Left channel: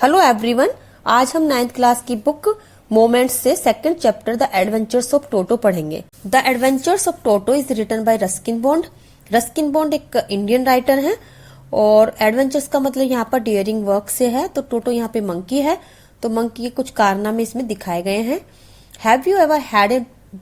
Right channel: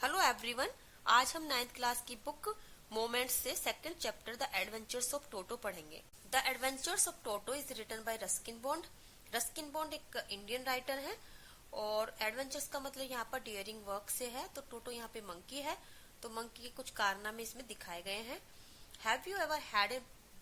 Hello everyone. आज हम 9th class की बुक मोमेंट्स से second chapter the adventures of Toto पढ़ेंगे। The adventures of Toto is written by Ruskin Bond. Ruskin Bond एक Indian writer है और adventures का मतलब यहाँ पर डियरिंग वर्क से है। तो टोटो यहाँ पे मंकी है, तो मंकी के कुछ कारनामे इसमें दिखाए गए हैं। Have you ever had a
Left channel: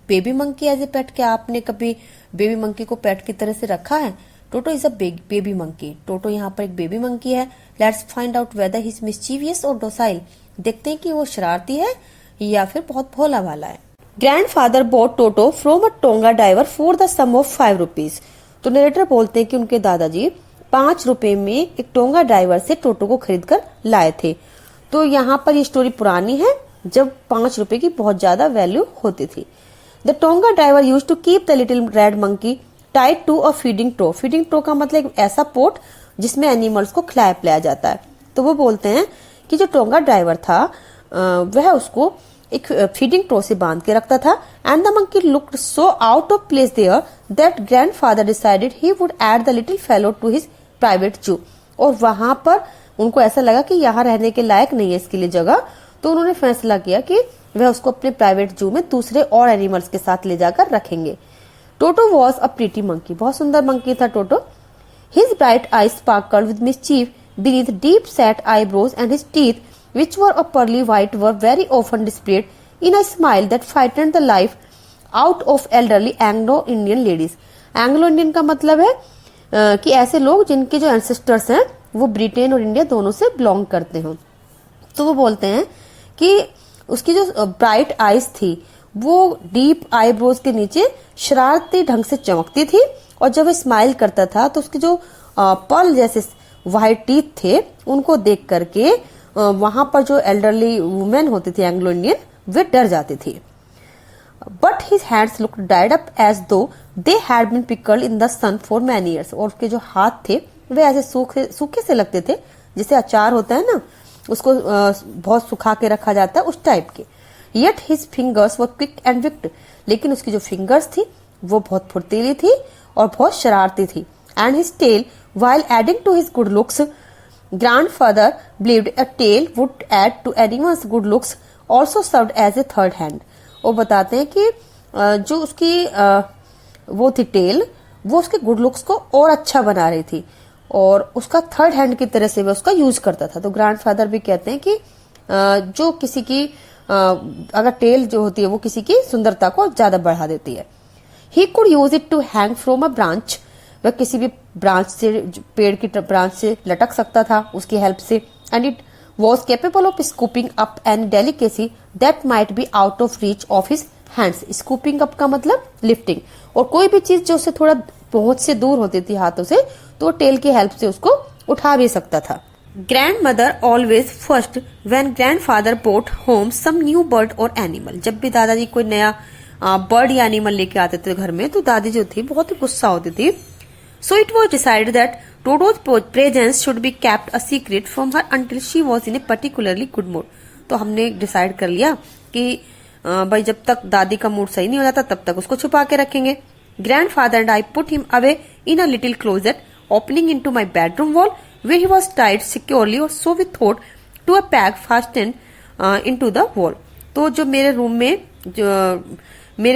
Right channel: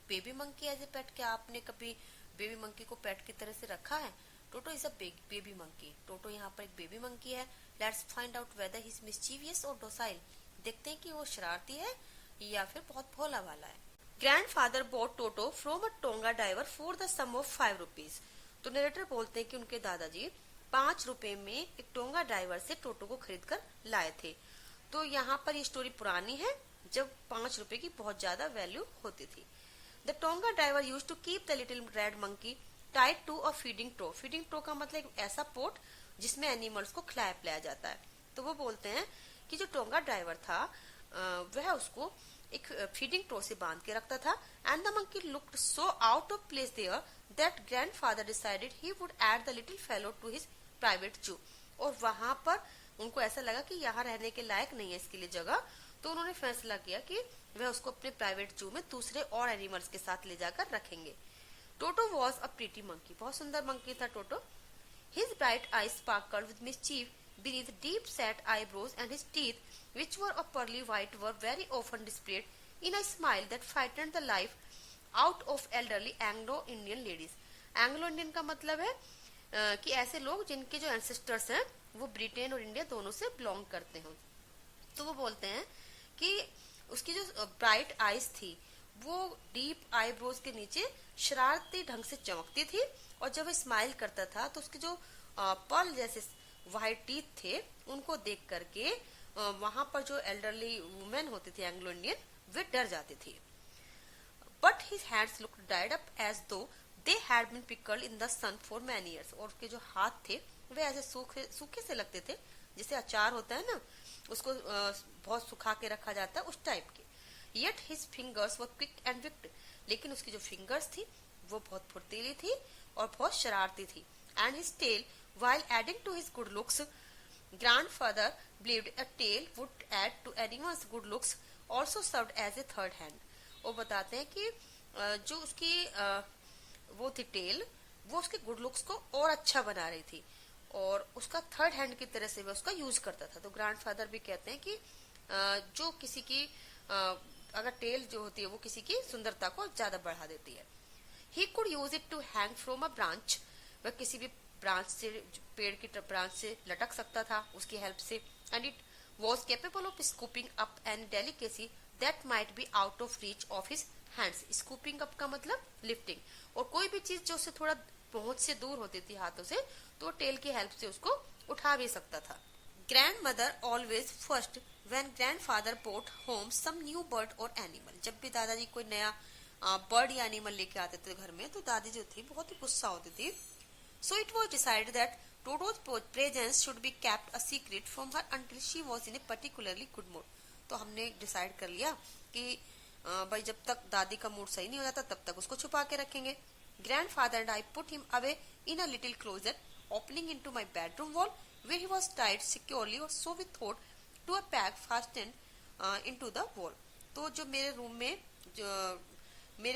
baby monkey as a pet? क्या आपने कभी बेबी मंकी को पेट की तरह से रखा है? टोटो इज अ बेबी मंकी। टोटो यहाँ पर एक बेबी मंकी है। Let's find out whether he is mischievous और डोसाइल। देखते हैं कि वो शरारती है या फिर बहुत भोला वाला है। Grandfather bought Toto from a tonga driver for the sum of 5 rupees. तो नरेटर बोलते हैं कि उनके दादाजी 5 रुपए में एक टोंगा ड्राइवर से टोटो को खरीद कर लाए थे। तो यहाँ पर ये स्टोरी पुरानी है जब 5 रुपए की बहुत ज्यादा वैल्यू होती थी। The tonga driver use to keep the little red monkey tied to a feeding trough. Feeding trough का मतलब एक ऐसा पोट जिसमें एनिमल्स को खिलाया पिलाया जाता है। तो वो बोलते हैं कि जो टोंगा ड्राइवर था वह उसको एक फीडिंग ट्रो से बांध के रखता था। And the monkey looked so out of place there that grandfather decided he would add the little fellow to his private zoo. और वहां पर उनको ऐसा लगा कि यहाँ रहने के लायक नहीं है इसके लिए जगह, तो उन्होंने फैसला किया कि वह उसको अपने प्राइवेट जू में दूसरे और एनिमल्स के साथ ले जाकर रखेंगे। Toto was a pretty monkey. बहुत सुंदर मंकी था टोटो। His bright eyes sparkled with mischief beneath deep-set eyebrows, and his teeth, which were a pearly white, were very often displayed in a smile that frightened the life out of elderly Anglo-Indian ladies. Anglo-Indian का मतलब है कि ऐसे लोग जिनके जो ancestors हैं वो ब्रिटेन और इंडिया दोनों से बिलोंग करते हो। तो वो बोलते हैं कि उसकी जो ब्राइट आईज थी वो डीप आईब्रोज के नीचे शरारती ढंग से चमकती थी, और जब वो स्माइल करता था तो उसके जो पर्ल जैसे व्हाइट टीथ थे उनको देख करके वहां पर जो एल्डरली वुमेन होती थी एंग्लो इंडियन, वे डर जाती थी। But his hands looked dried up as though they had been pickled in the sun for many years. और उसके जो हाथ थे वे ऐसे सूखे से लगते थे, जैसे अचार होता है ना, उसको बहुत सुखा के रखा जाता है उस टाइप के। Yet his fingers were quick and wicked. लेकिन उसकी जो फिंगर्स थी वो बहुत फुर्तीली थी और बहुत शरारती थी। And his tail while adding to his good looks, grandfather believed a tail would add to anyone's good looks, also served as a third hand. वो बताते हैं कि जो उसकी वो थी टेल, वो उसके गुड लुक्स को और अच्छा बना रही थी और उसका थर्ड हैंड की तरह से वो उसका यूज करता था। तो ग्रैंडफादर भी कहते हैं कि जो किसी की अगर टेल जो होती है वो किसी की सुंदरता को ज्यादा बढ़ा देती है। He could use it to hang from a branch. वह किसी भी ब्रांच से, पेड़ की ब्रांच से लटक सकता था उसकी हेल्प से। And it was capable of scooping up an delicacy that might be out of reach of his hands. Scooping up का मतलब लिफ्टिंग, और कोई भी चीज जो उससे थोड़ा पहुंच से दूर होती थी हाथों से, तो टेल की हेल्प से उसको उठा भी सकता था। Grandmother always first when grandfather brought home some new bird और एनिमल। जब भी दादाजी कोई नया बर्ड या एनिमल लेके आते थे घर में, तो दादी जो थी बहुत ही गुस्सा होती थी। So it was decided that टोटोज presence should be kept a secret from her until she was in A particularly good mood. तो हमने डिसाइड कर लिया कि भाई जब तक दादी का मूड सही नहीं हो जाता तब तक उसको छुपा के रखेंगे। Grandfather and I put him away in a little closet opening into my bedroom wall where he was tied securely, और so we thought to a peg fastened into the wall. तो जो मेरे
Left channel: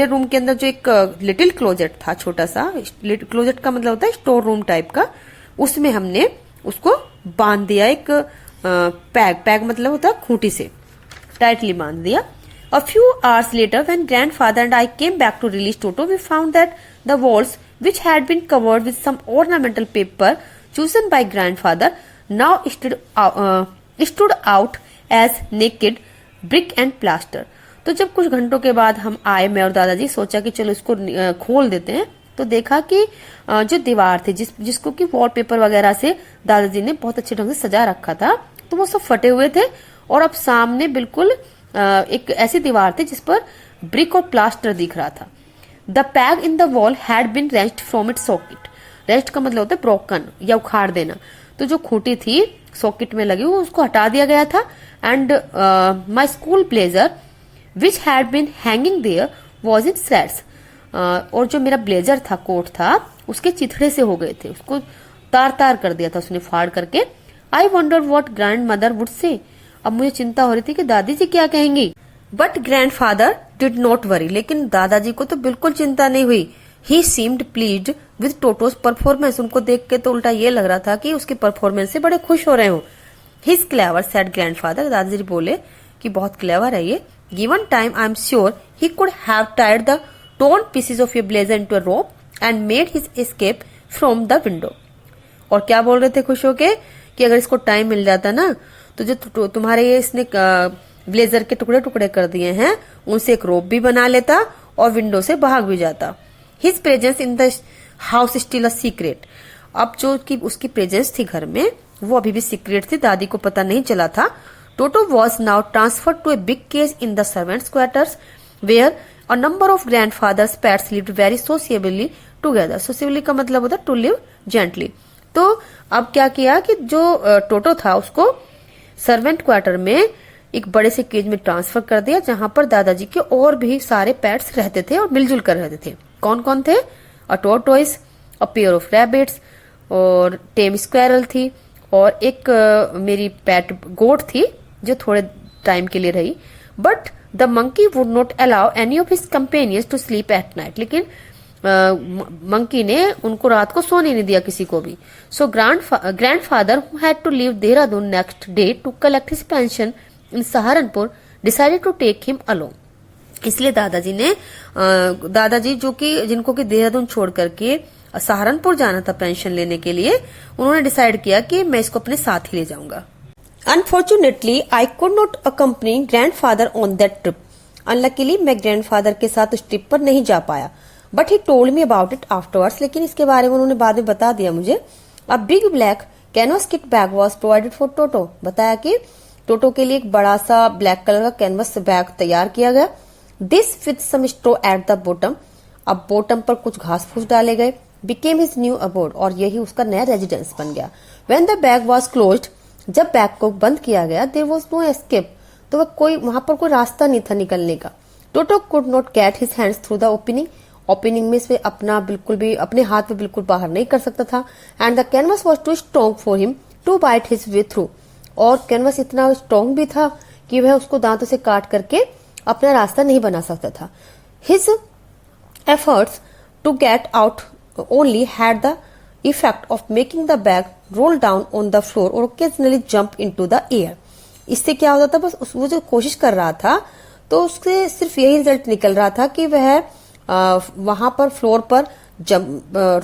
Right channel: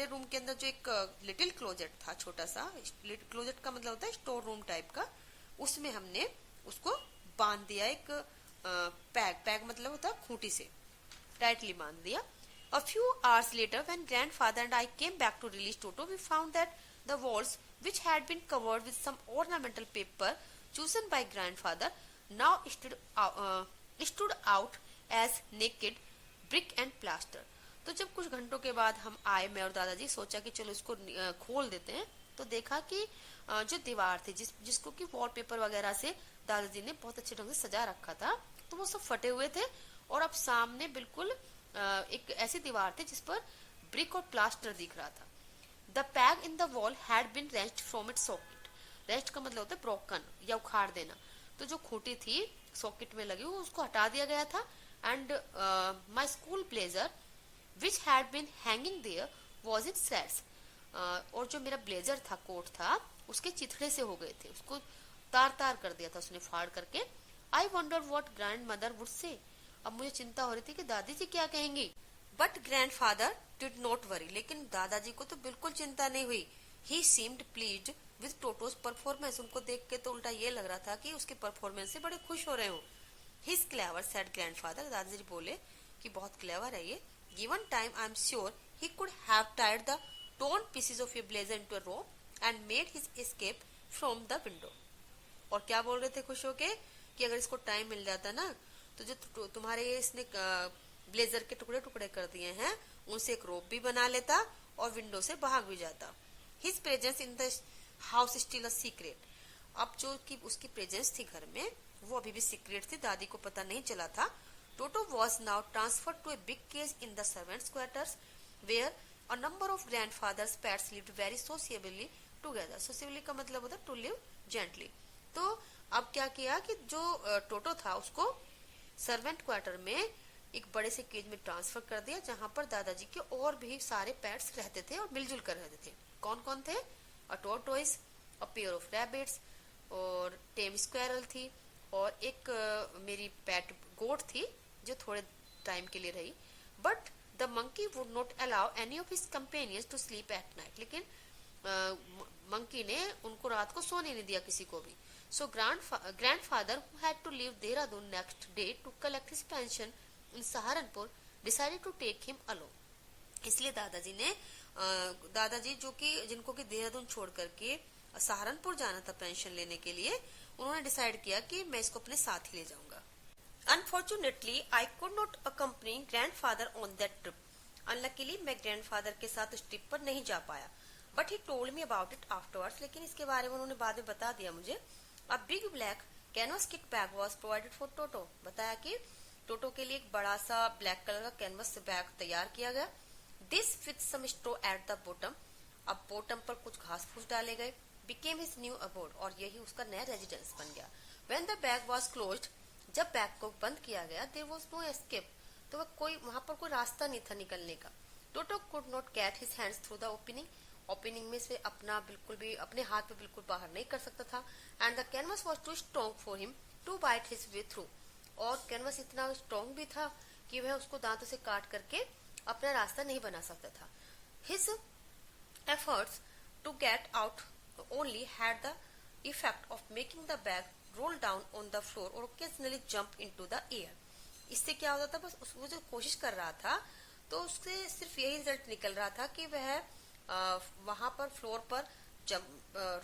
room के अंदर जो एक little closet था, छोटा सा, क्लोजेट का मतलब होता है स्टोर रूम टाइप का, उसमें हमने उसको बांध दिया एक पैक मतलब होता है खूंटी से टाइटली बांध दिया। A few hours later when grandfather and I came back to release Toto we found that the walls which had been covered with some ornamental paper chosen by grandfather now stood out as naked brick and plaster. तो जब कुछ घंटों के बाद हम आए, मैं और दादाजी, सोचा कि चलो इसको खोल देते हैं, तो देखा कि जो दीवार थी जिसको कि वॉलपेपर वगैरह से दादाजी ने बहुत अच्छे ढंग से सजा रखा था, तो वो सब फटे हुए थे और अब सामने बिल्कुल एक ऐसी दीवार थी जिस पर ब्रिक और प्लास्टर दिख रहा था। The peg in the wall had been rest from it socket. Rest का मतलब होता है ब्रोकन या उखाड़ देना। तो जो खूंटी थी सॉकेट में लगी हुई उसको हटा दिया गया था। And my school blazer which had been hanging there was in straits. और जो मेरा ब्लेजर था, कोट था, उसके चिथड़े से हो गए थे, उसको तार तार कर दिया था उसने फाड़ करके। I wonder what grand mother would say. अब मुझे चिंता हो रही थी कि दादी जी क्या कहेंगी। But grandfather did not worry, लेकिन दादाजी को तो बिल्कुल चिंता नहीं हुई। He seemed pleased with Toto's performance, उनको देख के तो उल्टा ये लग रहा था कि उसकी परफॉर्मेंस से बड़े खुश हो रहे हो। हिज क्लेवर सेड ग्रैंडफादर, दादाजी बोले कि बहुत क्लेवर है ये। Given time I am sure he could have tied the torn pieces of your blazer into a rope and made his escape from the window। और क्या बोल रहे थे खुश होके कि अगर इसको टाइम मिल जाता ना तो जो तुम्हारे ये इसने ब्लेजर के टुकड़े टुकड़े कर दिए हैं उनसे एक रोप भी बना लेता और विंडो से भाग भी जाता। His presence in the house still a secret, अब जो कि उसकी प्रेजेंस थी घर में वो अभी भी सीक्रेट थी, दादी को पता नहीं चला था। Toto was now transferred to a big cage in the servants quarters where a number of grandfather's pets lived very sociably together। sociably का मतलब होता है to live gently। तो अब क्या किया कि जो टोटो था उसको सर्वेंट क्वार्टर में एक बड़े से केज में ट्रांसफर कर दिया जहां पर दादाजी के और भी सारे पेट्स रहते थे और मिलजुल कर रहते थे। कौन कौन थे? अ टोर्टोइस, अ पेयर ऑफ रैबिट्स, और टेम स्क्वेरल थी, और एक मेरी पेट गोट थी जो थोड़े टाइम के लिए रही। But the monkey would not allow any of his companions to sleep at night, लेकिन मंकी ने उनको रात को सोने नहीं दिया किसी को भी। So grandfather who had to leave Dehradun next day to collect his pension in Saharanpur decided to take him along. इसलिए दादाजी जो कि जिनको कि देहरादून छोड़ करके सहारनपुर जाना था पेंशन लेने के लिए, उन्होंने डिसाइड किया कि मैं इसको अपने साथ ही ले जाऊंगा। Unfortunately, I could not accompany grandfather on that trip। Unluckily, मैं grandfather के साथ उस ट्रिप पर नहीं जा पाया। But he told me about it afterwards। लेकिन इसके बारे में उन्होंने बाद में बता दिया मुझे। A big black canvas kit bag was provided for Toto। बताया कि टोटो के लिए एक बड़ा सा ब्लैक कलर का कैनवस बैग तैयार किया गया। This with some straw at the bottom। अब बॉटम पर कुछ घास फूस डाले गए। Became his new abode। और यही उसका नया रेजिडेंस बन गया। When the bag was closed, जब बैग को बंद किया गया, देयर वाज नो एस्केप, तो वहां पर कोई रास्ता नहीं था निकलने का। Toto could not get his hands through the opening में से बिल्कुल भी अपने हाथ में बिल्कुल बाहर नहीं कर सकता था। And the canvas was too strong for him to bite his way through, और कैनवस इतना स्ट्रॉन्ग भी था कि वह उसको दांतों से काट करके अपना रास्ता नहीं बना सकता था। His efforts to get out only had the effect of making the bag roll down on the floor और occasionally jump into the air. इससे क्या होता था, बस वो जो कोशिश कर रहा था तो उससे सिर्फ यही रिजल्ट निकल रहा था कि वह वहां पर फ्लोर पर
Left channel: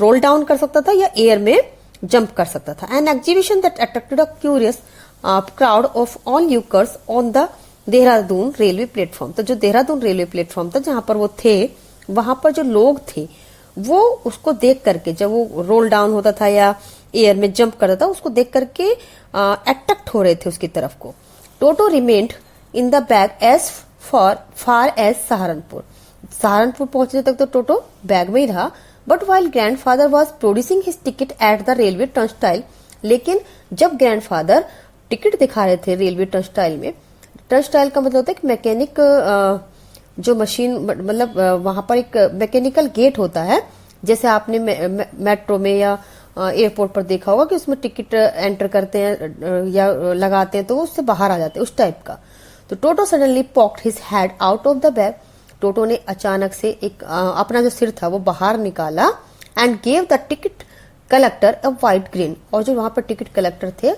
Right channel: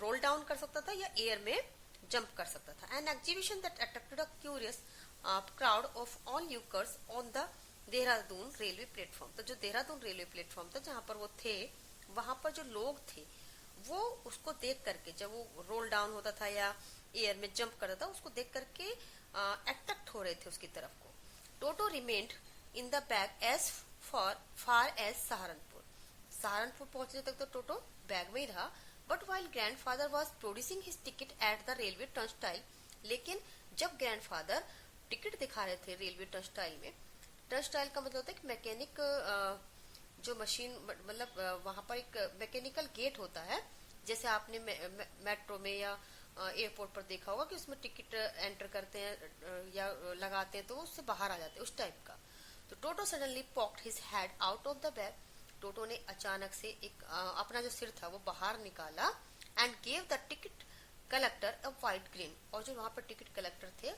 रोल डाउन कर सकता था या एयर में जंप कर सकता था। An exhibition that attracted a curious crowd of onlookers on the Dehradun railway platform. तो जो देहरादून रेलवे प्लेटफॉर्म था जहां पर वो थे, वहां पर जो लोग थे वो उसको देख करके, जब वो रोल डाउन होता था या एयर में जंप करता था, उसको देख करके अट्रैक्ट हो रहे थे उसकी तरफ को। Toto remained in the bag as far as Saharanpur. Saharanpur पहुंचने तक तो टोटो बैग में ही रहा। But while grandfather was producing his ticket at the railway turnstile, लेकिन जब ग्रैंडफादर टिकट दिखा रहे थे रेलवे टर्नस्टाइल में, टर्नस्टाइल का मतलब होता है कि मैकेनिक जो मशीन, मतलब वहां पर एक मैकेनिकल गेट होता है, जैसे आपने मेट्रो में या एयरपोर्ट पर देखा होगा कि उसमें टिकट एंटर करते हैं या लगाते हैं तो वो उससे बाहर आ जाते हैं, उस टाइप का। तो Toto suddenly poked his head out of the bag. Toto ने अचानक से एक अपना जो सिर था वो बाहर निकाला। And gave the ticket collector a white green, और जो वहां पर टिकट कलेक्टर थे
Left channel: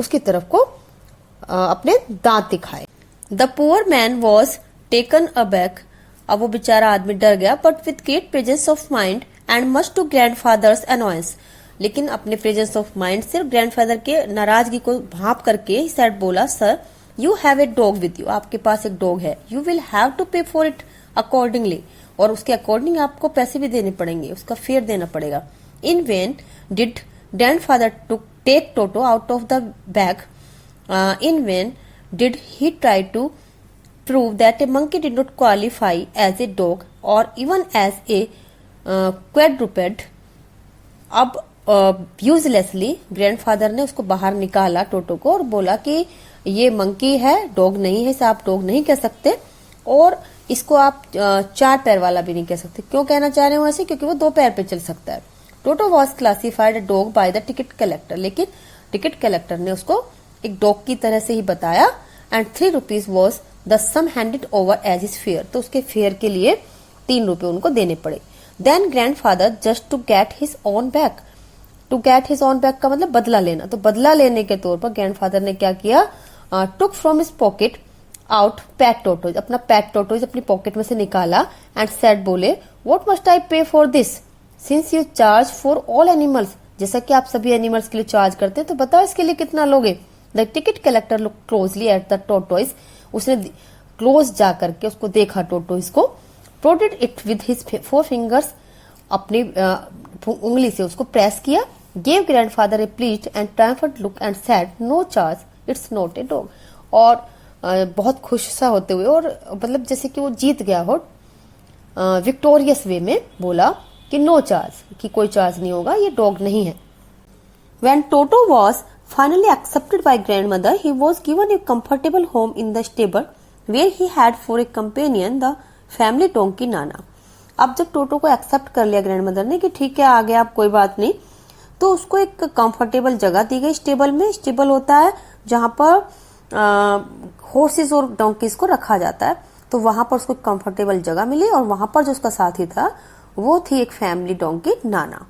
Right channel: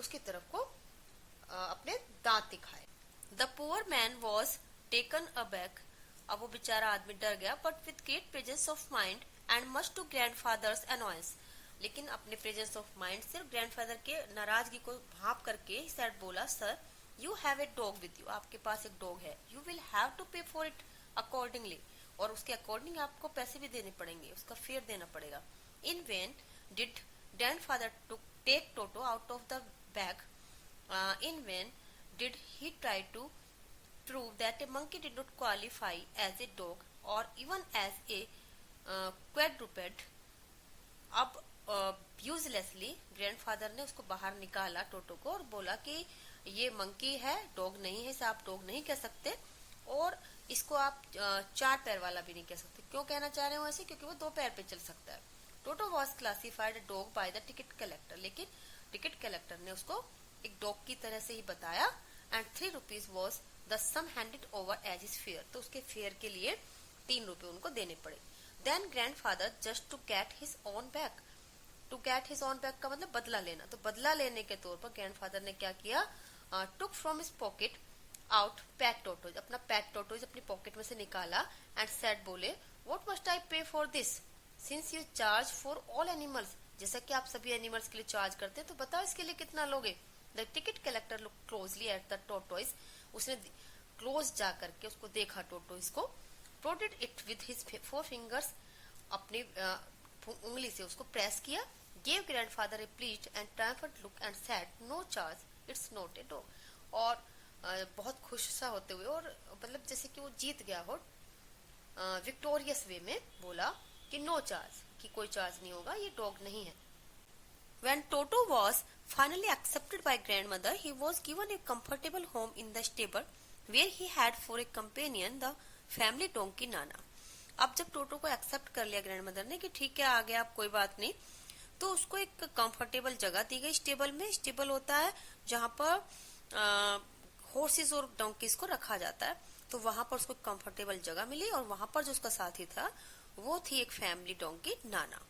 उसकी तरफ को अपने दांत दिखाए। The poor man was taken aback, अब वो बेचारा आदमी डर गया। But with great presence of mind and much to grandfather's annoyance, लेकिन अपने प्रेजेंस ऑफ माइंड से ग्रैंडफादर के नाराजगी को भाप करके ही सेड बोला, sir you have a dog with you, आपके पास एक डॉग है, you will have to pay for it accordingly, और उसके अकॉर्डिंग आपको पैसे भी देने पड़ेंगे, उसका फेयर देना पड़ेगा। In vain did grandfather to take Toto out of the bag, in vain did he try to prove that a monkey did not qualify as a dog or even as a quadruped। अब uselessly grandfather ने उसको बाहर निकाला टोटो को और बोला कि ये मंकी है, डॉग नहीं है, इसे आप डॉग नहीं कह सकते, और इसको आप चार पैर वाला भी नहीं कह सकते। क्यों कहना चाह रहे हो ऐसे? क्योंकि वो दो पैर पे चल सकता है। Toto was classified dog by the ticket collector, लेकिन टिकट कलेक्टर ने उसको एक डॉग की तरह से ही बताया। And 3 rupees was the sum handed over as his fare, तो उसके फेयर के लिए 3 रुपए उनको देने पड़े। Then grandfather just to get his own back, to get his own back का मतलब बदला लेना, तो बदला लेने के तौर पर ग्रैंडफादर ने क्या किया, took from his pocket out PAT टोटोज, अपना पैट टोटोज अपनी पॉकेट में से निकाला। एंड सेड, बोले, व्हाट मस्ट आई पे for this since you charge for all animals, जैसा कि आप सभी एनिमल्स के लिए चार्ज करते हैं तो बताओ इसके लिए कितना लोगे। The ticket collector look closely at the tortoise, उसने क्लोज जा करके उसको देखा टोटोइज को। Prodded it with his 4 fingers, अपनी उंगली से उसको प्रेस किया। Gave grandfather a pleased and triumphant look and said, no charge, it's not a dog, और बहुत खुश सा होते हुए और मतलब जैसे कि वो जीत गया हो, विक्टोरियस वे में बोला कि नो चार्ज, कि कोई चार्ज नहीं होगा, ये डॉग नहीं है। When Toto was finally accepted by grandmother, he was given a comfortable home in the stable where he had for a companion the family donkey Nana. अब जब टोटो को एक्सेप्ट कर लिया ग्रैंडमदर ने कि ठीक है आ गया आप, कोई बात नहीं, तो उसको एक कंफर्टेबल जगह दी गई स्टेबल में। स्टेबल होता है जहां पर हॉर्सेस और डोंकीज को रखा जाता है, तो वहां पर उसको कंफर्टेबल जगह मिली और वहां पर जो उसका साथी था वो थी एक family donkey Nana.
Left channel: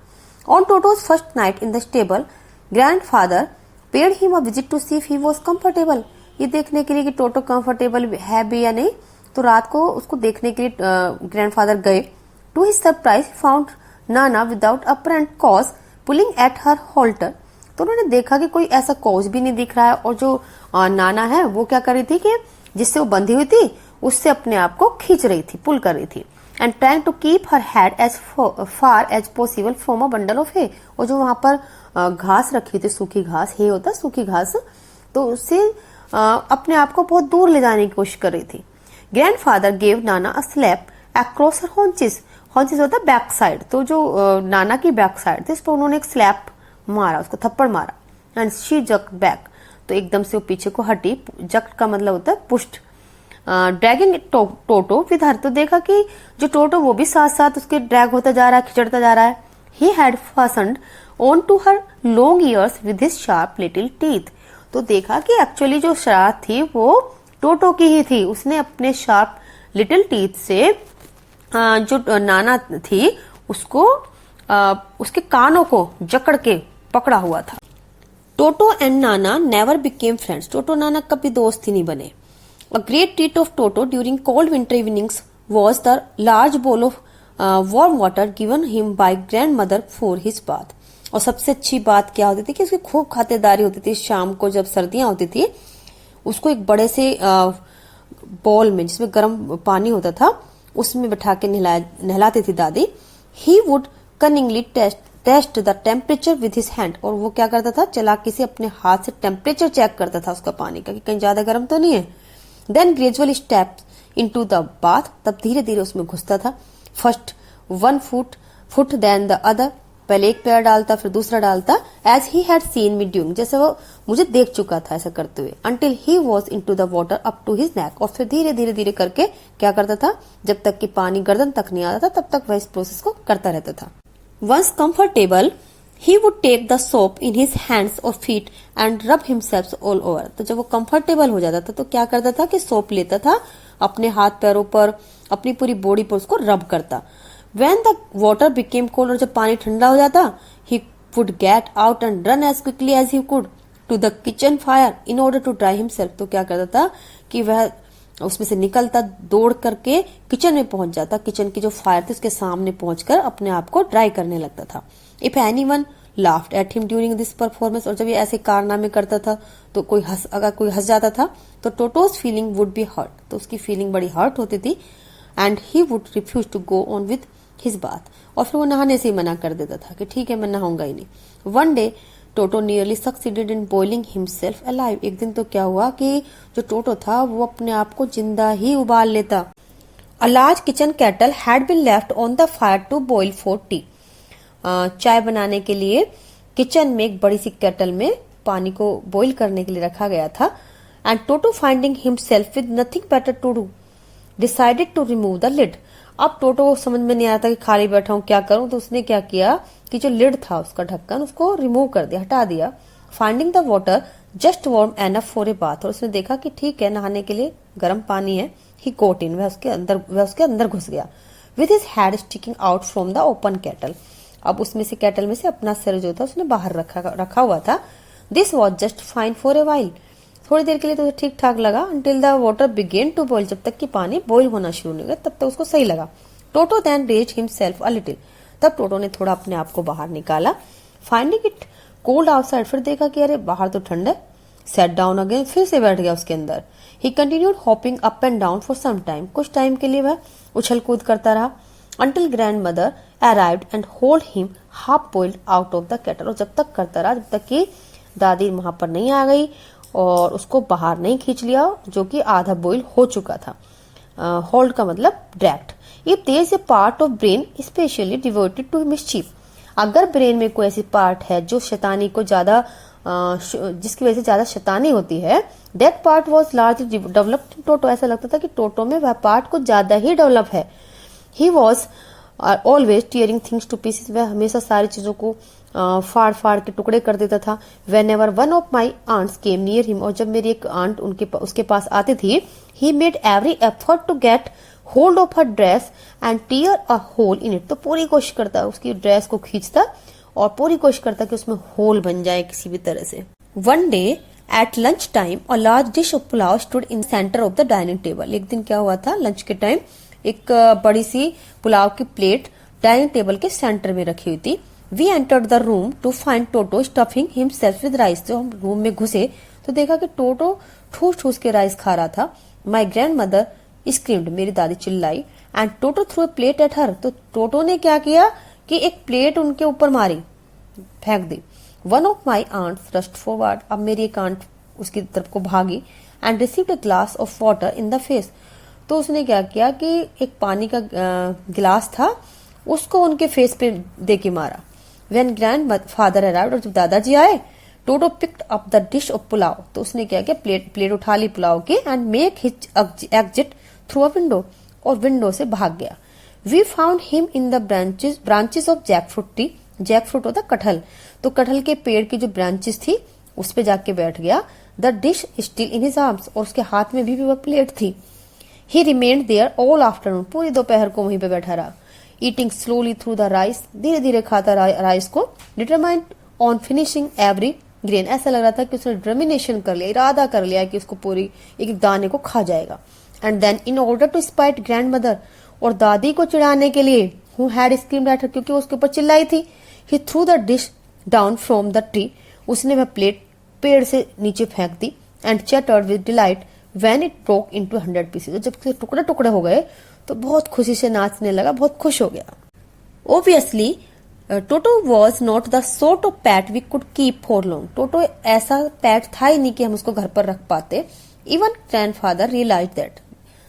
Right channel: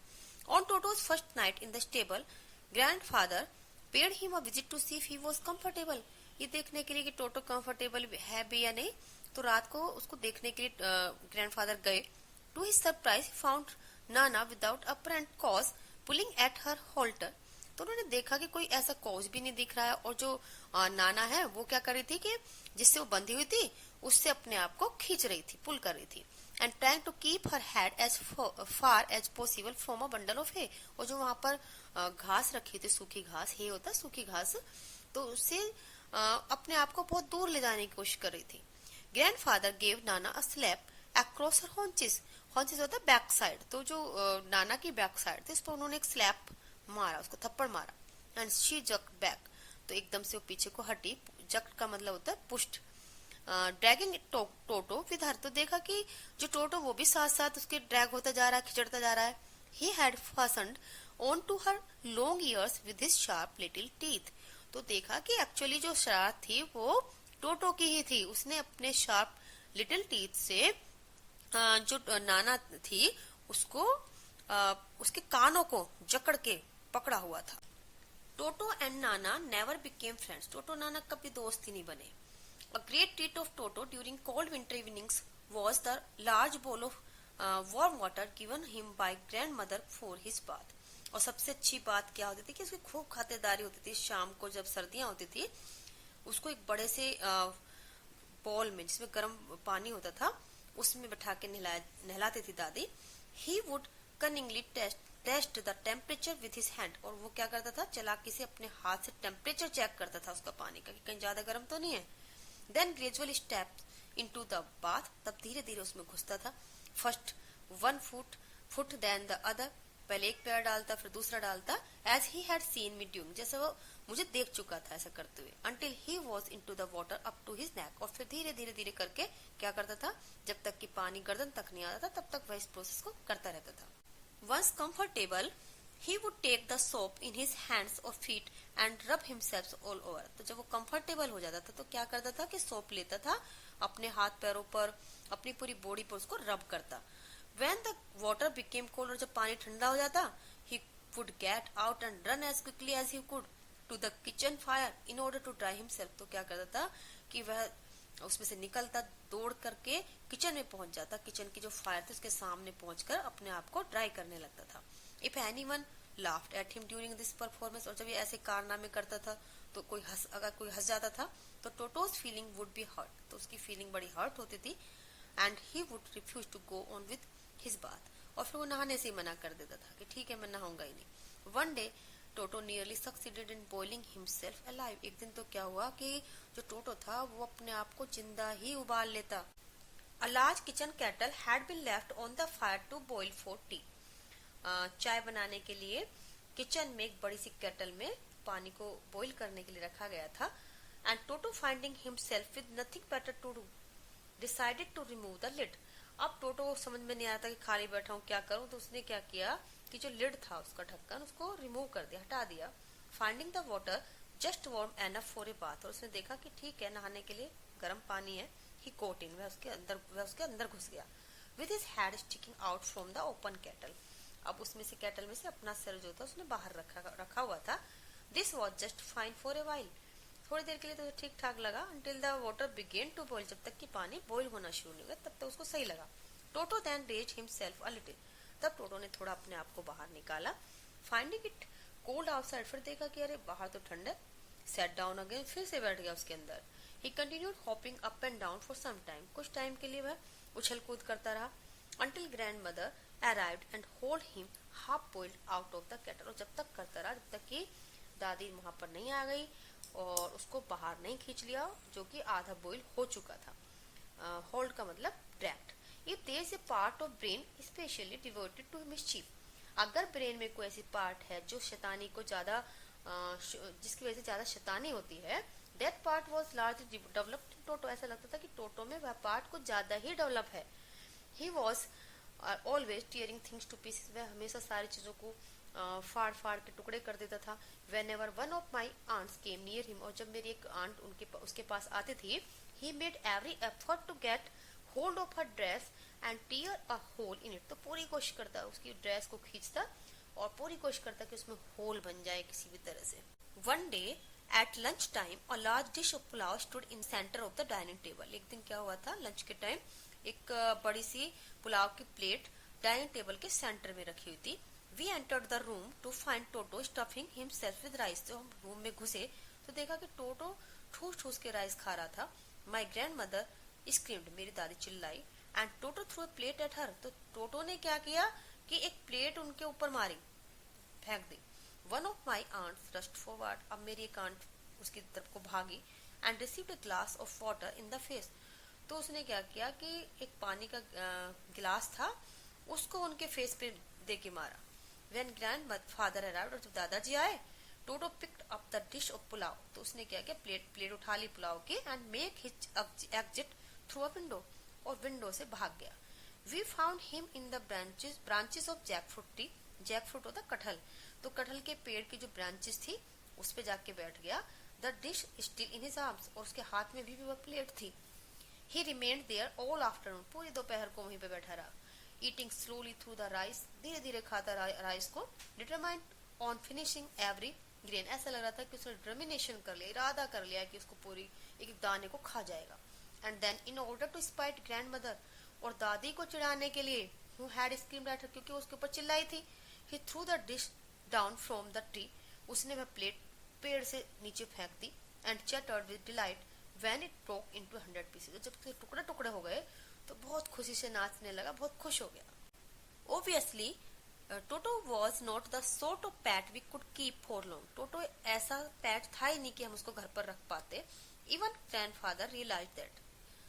On Toto's first night in the stable, grandfather paid him a visit to see if he was comfortable, ये देखने के लिए कि टोटो कंफर्टेबल है भी या नहीं, तो रात को उसको देखने के लिए ग्रैंडफादर गए। To his surprise found Nana without apparent cause pulling at her Holter, तो उन्होंने देखा कि कोई ऐसा कॉज भी नहीं दिख रहा है और जो नाना है वो क्या कर रही थी कि जिससे वो बंधी हुई थी उससे अपने आप को खींच रही थी, पुल कर रही थी। And trying to keep her head as far as possible from a bundle of hay, और जो वहां पर घास रखी हुई थी, सूखी घास, हे होता है सूखी घास, तो उससे अपने आप को बहुत दूर ले जाने की कोशिश कर रही थी। Grandfather gave Nana a slap across her haunches, haunches होता है बैक साइड, तो जो नाना की बैक साइड थी इस पर उन्होंने एक स्लैप मारा, उसको थप्पड़ मारा। एंड शी जक्ड बैक, तो एकदम से वो पीछे को हटी। जक्ड का मतलब होता है पुष्ट। ड्रैगिंग टोटो विद हर, तो देखा कि जो टोटो वो भी साथ साथ उसके ड्रैग होता जा रहा है, खिचड़ता जा रहा है। He had fastened on to her long ears with his sharp little teeth, तो देखा कि एक्चुअली जो शरारत थी वो टोटो की ही थी, उसने अपने शार्प लिटिल टीथ से जो नाना थी उसको उसके कानों को जकड़ के पकड़ा हुआ था। टोटो and Nana never became friends, टोटो नाना कभी दोस्त ही नहीं बने। A great treat of Toto during cold winter evenings was the large bowl of warm water given him by grandmother for his bath. और सबसे अच्छी बात क्या होती थी कि उसकी खूब खातिरदारी होती थी। शाम को जब सर्दियां होती थी उसको एक बड़े से बॉल में जिसमें गर्म पानी होता था उसमें बैठा के नहलाती थी दादी। He would cunningly test the temperature with his hand, और वो क्या करता था, चालाकी से अपने हाथ से टेम्परेचर चेक करता था उसका पानी का कि कहीं ज्यादा गर्म तो नहीं है। Then gradually steps into the bath, तब धीरे धीरे उसमें घुसता था। First 1 foot then the other, पहले एक पैर डालता फिर दूसरा डालता। As he had seen me doing, जैसे वो मुझे देख चुका था ऐसा करते हुए। Until he was into the water up to his neck, और फिर धीरे धीरे धीरे करके क्या करता था, जब तक कि पानी गर्दन तक नहीं आता था तब तक वह इस प्रोसेस को करता रहता था। Once comfortable, he would take the soap in his hands or feet and rub himself all over. तो जब वो कंफर्टेबल हो जाता था तो क्या करता था कि सोप लेता था, अपने हाथ पैरों पर, अपनी पूरी बॉडी पर उसको रब करता। When the water became cold, और जब पानी ठंडा हो जाता, he would get out and run as quickly as he could to the kitchen fire in order to dry himself. तो क्या करता था कि वह उसमें से निकलता, दौड़ करके किचन में पहुंच जाता, किचन की जो फायर थी उसके सामने पहुंचकर अपने आप को ड्राई करने लगता था। If anyone laughed at him during this performance, और जब ये ऐसे कारनामे करता था तो अगर कोई हंस जाता था तो Toto's feeling would be hurt, तो उसकी फीलिंग बड़ी हर्ट होती थी। And he would refuse to go on with his bath, और फिर वो नहाने से ही मना कर देता था कि ठीक है मैं नहाऊंगा ही नहीं। One day toto nearly succeeded in boiling himself alive, एक दिन तो क्या हुआ कि जो टोटो था वो अपने आप को जिंदा ही उबाल लेता। A large kitchen kettle had been left on the fire to boil for tea, चाय बनाने के लिए किचन में एक बड़ी सी केटल में पानी को बॉइल करने के लिए रखा गया था। And Toto finding himself with nothing better to do decided to remove the lid. अब टोटो को समझ में नहीं आता कि खाली बैठा हूं क्या करूं, तो उसने क्या किया कि जो लिड था उसका ढक्कन उसको रिमूव कर दिया, हटा दिया। Finding the water just warm enough for a bath, और उसने देखा कि ठीक है नहाने के लिए गर्म पानी है। ही गोट इन, वह उसके अंदर घुस गया। With his head sticking out from the open kettle, अब उसमें से केटल में से अपना सिर जो था उसने बाहर रखा हुआ था। This was just fine for a while, थोड़ी देर के लिए तो ठीक ठाक लगा। Until the water began to boil, जब तक कि पानी बॉइल होना शुरू नहीं हुआ तब तक उसको सही लगा। Toto then raised himself a little, तब टोटो ने थोड़ा अपने आप को बाहर निकाला। फाइंडिंग इट कोल्ड आउटसाइड, फिर देखा कि अरे बाहर तो ठंड है। सेट डाउन अगेन, फिर से बैठ गया उसके अंदर। He continued hopping up and down for some time, कुछ टाइम के लिए वह उछल कूद करता रहा। Until grandmother arrived and hold him half boiled out of the kettle, और जब तक करता रहा जब तक कि दादी वहां पर नहीं आ गई और उसको बाहर नहीं खींच लिया, जो कि आधा बॉइल हो चुका था। होल्ड का मतलब direct. If there is a part of brain specially devoted to mischief, अगर ब्रेन में कोई ऐसी पार्ट है जो शैतानी को ज्यादा जिसकी वजह से ज्यादा शैतानी होती है, that part was largely developed in Toto, ऐसा लगता था कि टोटो में वह पार्ट कुछ ज्यादा ही डेवलप है। He was always tearing things two pieces, वह हमेशा सारी चीजों को फाड़ फाड़ के टुकड़े कर देता था। Whenever one of my aunts came near him, और जब मेरी एक आंट उसके पास आती थी, he made every effort to get hold of her dress and tear a hole in it, तो पूरी कोशिश करता उसकी ड्रेस को खींचता और पूरी कोशिश करता कि उसमें होल बन जाए किसी भी तरह से। One day at lunch time a large dish of pulao stood in centre of the dining table, एक दिन क्या हुआ था लंच के टाइम एक बड़ी सी पुलाव की प्लेट डाइनिंग टेबल के सेंटर में रखी हुई थी। We entered the room to find Toto stuffing himself with rice, तो हम रूम में घुसे तो देखा कि टोटो ठूस ठूस के राइस खा रहा था। माई ग्रैंड मदर स्क्रीम्ड, मेरी दादी चिल्लाई। And Toto through a plate at her, तो टोटो ने क्या किया कि एक प्लेट उनके ऊपर मारी, फेंक दी। One of my aunts rushed forward, अब मेरी एक आंट उसकी तरफ को भागी। And received a glass of water in the face, तो उसने क्या किया कि एक पानी का गिलास था उसको उनके फेस पे दे के मारा। वेन ग्रैंड फादर अराइव्ड, और जब दादाजी आए, Toto picked up the dish of pulao, तो उसने क्या किया प्लेट उठा ली पुलाव की and make his exit through a window, और विंडो से भाग गया। We found him in the branches of jackfruit tree, jackfruit होता कटहल, तो कटहल के पेड़ की जो ब्रांचेस थी उस पे जाके बैठ गया। The dish still in his arms, और उसके हाथ में भी वह प्लेट थी। He remained there all afternoon, पूरी दोपहर को वहीं पे बैठा रहा। Eating slowly through the rice, धीरे धीरे खाता राइस को। Determined on finishing every grain, ऐसा लग रहा था कि उसने डिटर्मिनेशन कर लिया, इरादा कर लिया कि उसको पूरी एक दाने को खा जाएगा। And then in order to spite grandmother, और दादी को चिढ़ाने के लिए, who had screamed at her, क्योंकि उसके ऊपर चिल्लाई थी, he threw the dish down from the tree, उसने वह प्लेट पेड़ से नीचे फेंक दी। And chattered with delight when it broke into 100 pieces, जब टुकड़े टुकड़े हो गए तो बहुत खुशी से नाचने लगा, बहुत खुश हो गया। Obviously, Toto was not the sort of pet we could keep for long, Toto ऐसा पैट था ही नहीं कि हम उसको घर पर रख पाते। इवन ग्रैंडफादर रियलाइज दैट,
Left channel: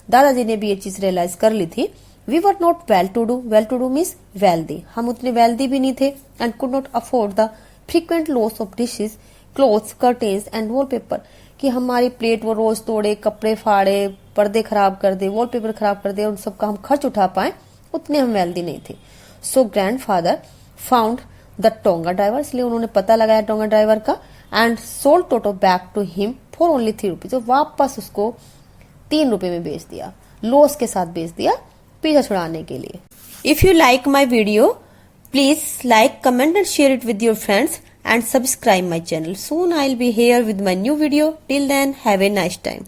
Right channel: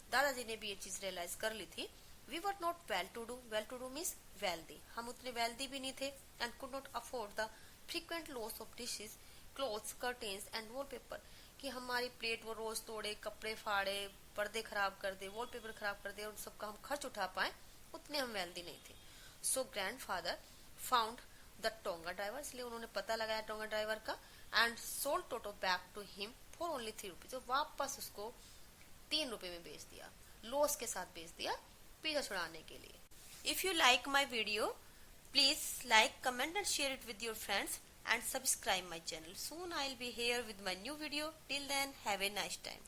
दादाजी ने भी ये चीज रियलाइज कर ली थी। We were not well to do means wealthy, हम उतने वेल्दी भी नहीं थे। And could not afford the frequent loss of dishes, clothes, curtains and wallpaper, कि हमारी प्लेट वो रोज तोड़े, कपड़े फाड़े, पर्दे खराब कर दे, वॉलपेपर खराब कर दे, उन सबका हम खर्च उठा पाए, उतने हम वेल्दी नहीं थे। So grandfather found the tonga driver, इसलिए उन्होंने पता लगाया टोंगा ड्राइवर का। And sold Toto back to him for only 3 rupees, तो वापस उसको 3 रुपए में बेच दिया, लॉस के साथ बेच दिया पीछा छुड़ाने के लिए। If you like my video, please like, comment and share it with your friends and subscribe my channel. Soon I'll be here with my new video. Till then, have a nice time.